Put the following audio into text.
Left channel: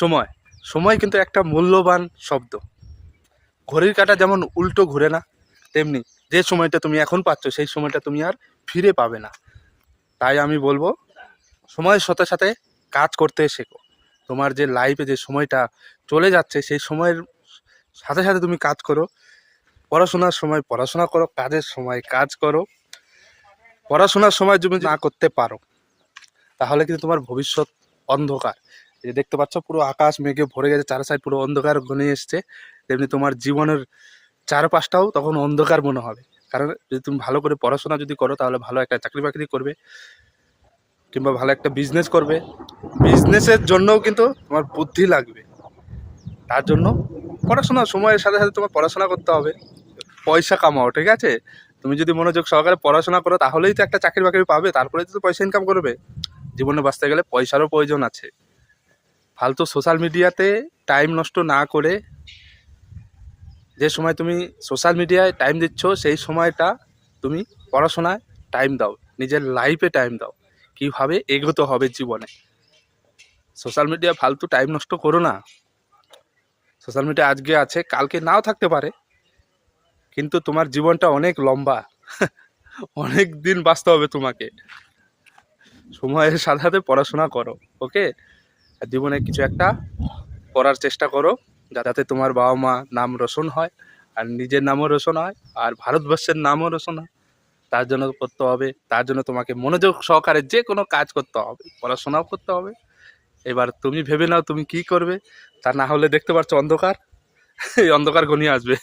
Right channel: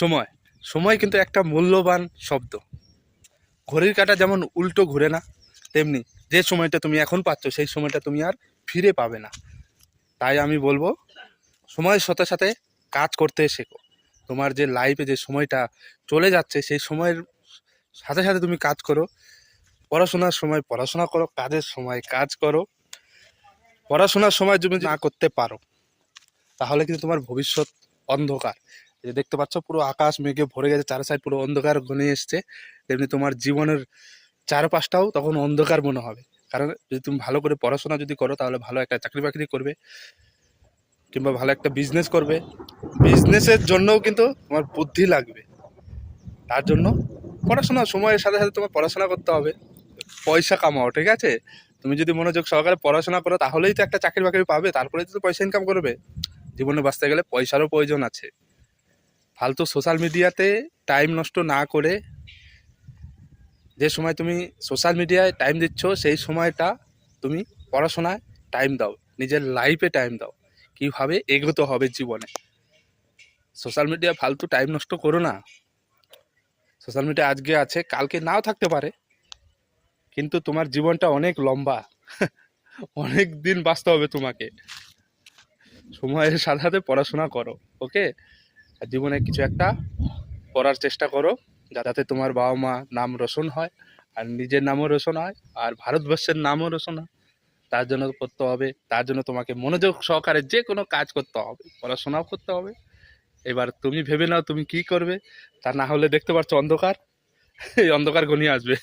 সময় সময় কিন্তু একটা মূল্যবান শব্দ। ঘড়ির কাঁটা যেমন উল্টো ঘুরে না, তেমনি যে সময়টা তুমি এখন পাচ্ছ সেই সময়টা তুমি আর ফিরে পাবে না। তাই আমি বলবো, সময়ের সাথে সাথে কাজ করতে শেখো। তোমার যে লাইফে যে সময়টা চলে যাচ্ছে সেই সময়ের সাথে সাথে তুমি কাজ করো। পড়াশোনার সময় পড়াশোনা করো, কাজের সময় কাজ করো। পড়াশোনার সময় তুমি না করতে পারো তাহলে কিন্তু তোমার ভবিষ্যৎ অন্ধকার। এই যে দেখতে পাচ্ছ পুরো আকাশ মেঘে ভরে গেছে, চার সাইড পুরো অন্ধকার ঘনে এসছে, তেমনি তোমার জীবনের চারপাশটাও তখন অন্ধকার মনে হবে। কারণ যদি তুমি ভালো করে পড়াশোনা যদি করো তাহলে ভালো একটা চাকরি বাকরি করবে, কিংবা ভালো একটা বিজনেস করবে। বিজনেসের জন্যও কিন্তু তোমার বুদ্ধি লাগবে। তার জন্য পড়াশোনা সময়ের সাথে সাথে তোমার পড়াশোনা করতে হবে, পয়সা কামাও, ঠিক আছে? তুমি যদি মনোযোগ সহকারে পড়াশোনা করো তাহলেই তো একটা চাকরি বাকরি পাবে, তারপরে তো পয়সা ইনকাম করবে। জীবনে বাঁচতে গেলে পয়সারও প্রয়োজন আছে। ফালতু সোশ্যাল মিডিয়াতে টাইম নষ্ট না করে, যে সময় তুমি সোশ্যাল মিডিয়ায় টাইম দিচ্ছ সেই সময়টা তুমি পড়াশোনায় টাইম দাও, নিজের লাইফে টাইম দাও, কীভাবে এগোতে হবে জীবনে। সোশ্যাল মিডিয়া ফালতু টাইম নষ্ট করো না। সোশ্যাল মিডিয়া আজকে আছে কালকে নাও থাকতে পারে, কিন্তু তোমার জীবনটা অনেক লম্বা, অনেক দিন বাঁচতে হবে তোমাকে। সময়ের সাথে সাথে পড়াশোনা করো, ওকে? আর জীবনে কিছু একটা করার চেষ্টা করো, যাতে তোমার বাবা মা নাম রোশন হয়, আর নিজের নামও রোশন হয়, আর ভারতবর্ষের নামও রোশন হয়। তার জন্য করতে হবে, তার জন্য তোমাকে মনোযোগ সহকারে যে কোনো কাজ করতে হবে, পড়াশোনাও করতে হবে। এবার তুমি ভেবে নাও তুমি কি করবে, তা না হলে দেখতে পাচ্ছ অন্ধকার, এই অন্ধকার ঘনিয়ে আসবে।